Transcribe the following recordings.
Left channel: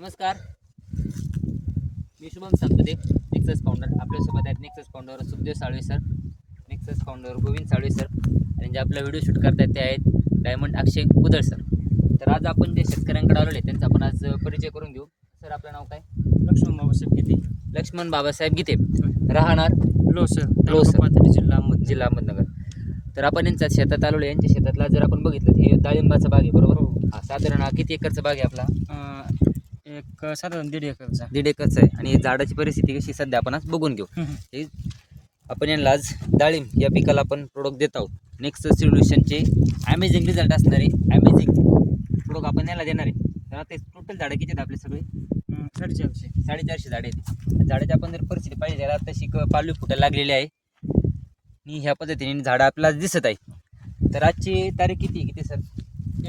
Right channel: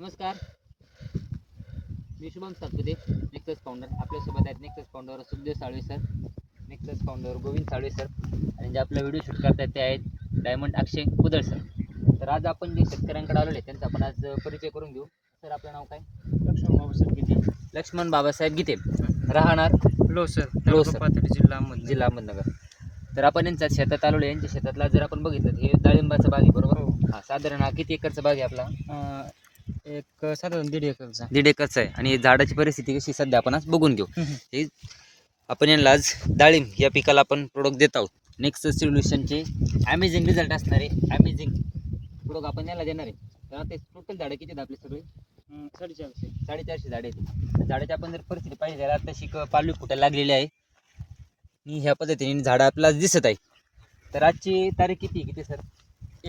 नमस्कार मी Shubham Saptadev nexus founder आपल्यासोबत आहेत nexus founder Sukhdev Salve sir nexus founder Govind Salve sir आणि जे आपला व्हिडिओ शूट करतात ते आहेत डायमंड अक्षय कुदळ सर तर आज आपण जे शेतकऱ्यांकडे आलेले त्यांचा आपण आज परिचय करून घेऊ सर आपलं नाव काय लक्ष्मण बाबासाहेब गीते लक्ष्मण बाबासाहेब गीते राहणार सर लोसर जिल्हा जिल्हा अहमदनगर तर आपण यांच्या शेतात आहे यांच्या शेतातला जर आपण बघितलं हे डाळिंबाचा बाग आहे बरोबर हो. हा साधारण किती एकरचा बाग आहे आपला एक साधारण दीड एकरचा दीड एकरचा आहे आणि झाडाची परिस्थिती कशी सध्या आपण आज बघून घेऊ हे आपण यांना आज डाळिंब या पिकाला आपण प्रोडक्ट देत आहोत नेक्स्ट सोल्युशनचे अमेझिंग रिझल्ट असणारे अमेझिंग प्रोडक्ट आपण याला देणार आहे तर आता टोटल झाडं किती आहेत आपले सगळे साडेचारशे साडेचारशे झाडे आहेत झाडाची आपण जर परिस्थिती पाहिजे आता तशी पालवी फुटायला लागलेली आहे आणि ह्या पद्धतीने झाडं आपल्याला दिसत आहे तर आजची तारीख किती किती सर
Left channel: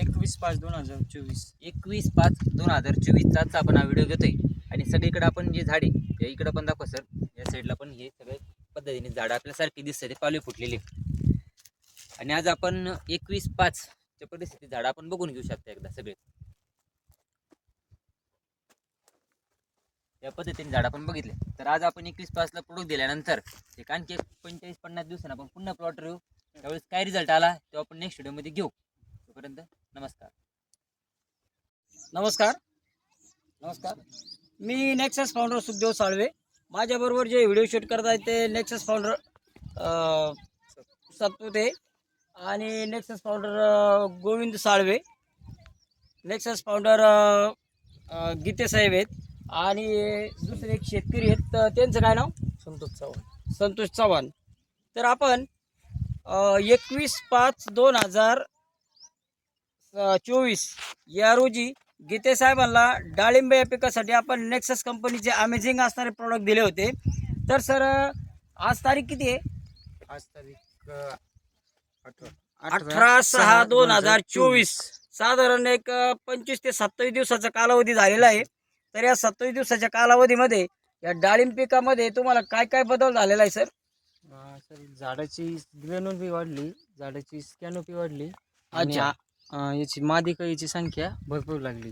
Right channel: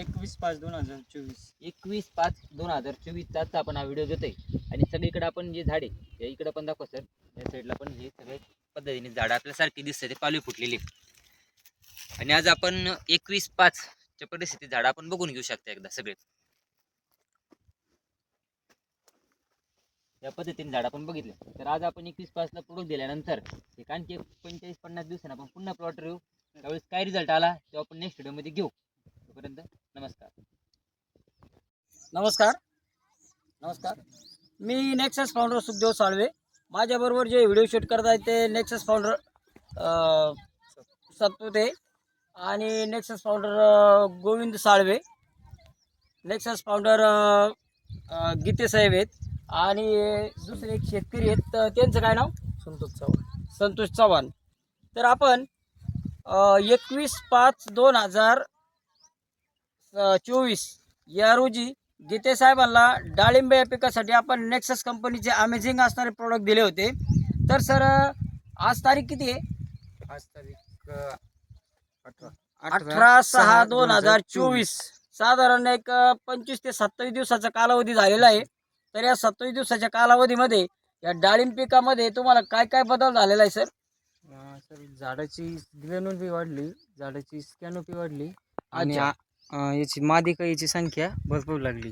एकवीस पाच दोन हजार चोवीस एकवीस पाच दोन हजार चोवीसचाच आपण हा व्हिडिओ घेतोय आणि सगळीकडे आपण जे झाडे या इकडं पण दाखव सर या साईडला पण हे सगळे पद्धतीने झाडं आपल्यासारखी दिसते ते पालवी फुटलेली आणि आज आपण एकवीस च्या परिस्थितीत झाडं आपण बघून घेऊ शकतो एकदा सगळे या पद्धतीने झाड आपण बघितले तर आज आपण एकवीस पाचला प्रोडक्ट दिल्यानंतर एक आणखी एक पंचेचाळीस पन्नास दिवसांना आपण पुन्हा प्लॉट घेऊ त्यावेळेस काय रिझल्ट आला तो आपण नेक्स्ट व्हिडिओमध्ये घेऊ तोपर्यंत नमस्कार नमस्कार नमस्कार मी नेक्सस फाउंडर सुखदेव साळवे माझ्याबरोबर जे व्हिडिओ शूट करत आहेत ते नेक्सस फाउंडर सत्पुते आणि nexus founder Govind Salve nexus founder Gite साहेब आहेत आणि दुसरे एक शेतकरी आहेत तर त्यांचं काय नाव संतोष चव्हाण संतोष चव्हाण तर आपण एकवीस पाच दोन हजार चोवीस या रोजी गीते साहेबांना डाळिंब या पिकासाठी आपण नेक्सस कंपनीचे अमेझिंग असणारे प्रोडक्ट दिले होते तर सर आज तारीख किती आहे आज तारीख अठरा सहा दोन हजार चोवीस साधारण एक पंचवीस ते सत्तावीस दिवसाचा कालावधी झालेला आहे तर या सत्तावीस दिवसाच्या कालावधीमध्ये या डाळिंब पिकामध्ये तुम्हाला काय काय बदल झालेला आहे सर सर झाडाची दिव्यानुपी वाढली झाडाची स्कॅनोपी वाढली आणि याची मादी कळीची संख्या भरपूर लागली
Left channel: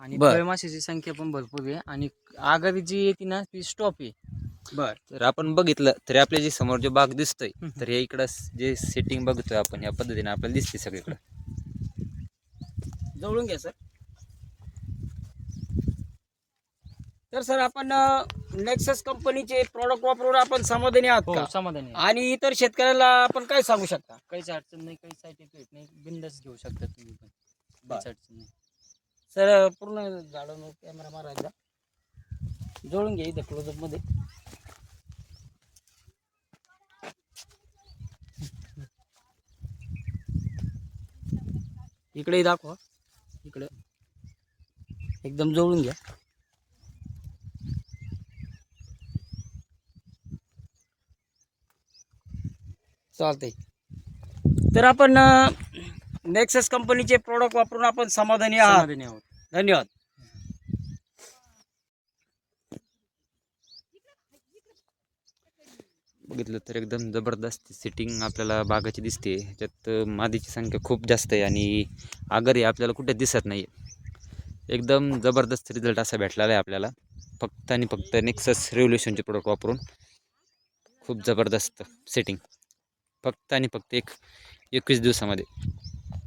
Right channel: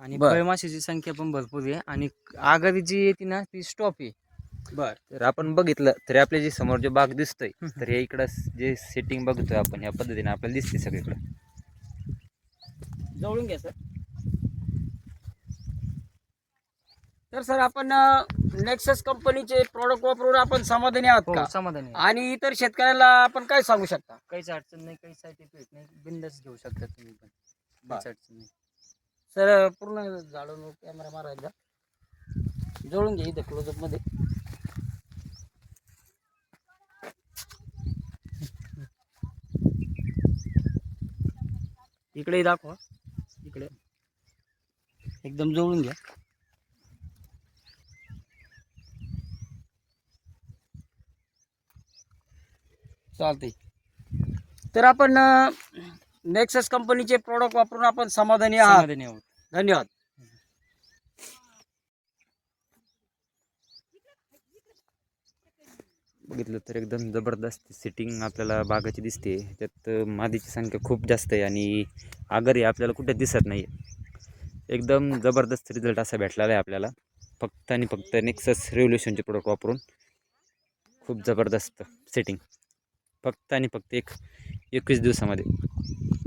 आणि कळमाशीची फळमाशीची संख्या पण भरपूर आहे आणि आघाडी जी येते ना ती स्टॉप आहे बर तर आपण बघितलं तरी आपल्या जे समोर जे बाग दिसतोय तर हे इकडं जे सेटिंग बघतोय आपण या पद्धतीने आपल्याला दिसते सगळीकडं जवळून घ्या सर तर सर आपण नेक्सस कंपनीचे प्रॉडक्ट वापरून आपण समाधानी हो, आहोत समाधानी आणि इतर शेतकऱ्याला आपण काय सांगू शकता काहीच अडचण नाही काही सर्टिफिकेट नाही बिंदच घेऊ शकता तुम्ही पण अडचण नाही सर पूर्ण झाडून कॅमेरा मारायचा जोडून घे इथे क्लोजअप मध्ये इकडे दाखवा इकडे एकदम जोडून घ्या चालते तर आपण नेक्सेस कंपनीचे प्रॉडक्ट वापरून आपण समाधानी आहात धन्यवाद धन्यवाद बघितलं तर एकदम जबरदस्त सेटिंग आपल्याला बागाची दिसते त्यात मादीची संख्या खूप जास्त आहे आणि आगरही आपल्याला कुठे दिसत नाही एकदम जबरदस्त रिझल्ट असा भेटलेला आहे आपल्याला फक्त आणि फक्त नेक्सस रेव्होल्युशनचे प्रोडक्ट वापरून खूप जबरदस्त सेटिंग फक्त आणि फक्त एक एकवीस दिवसामध्ये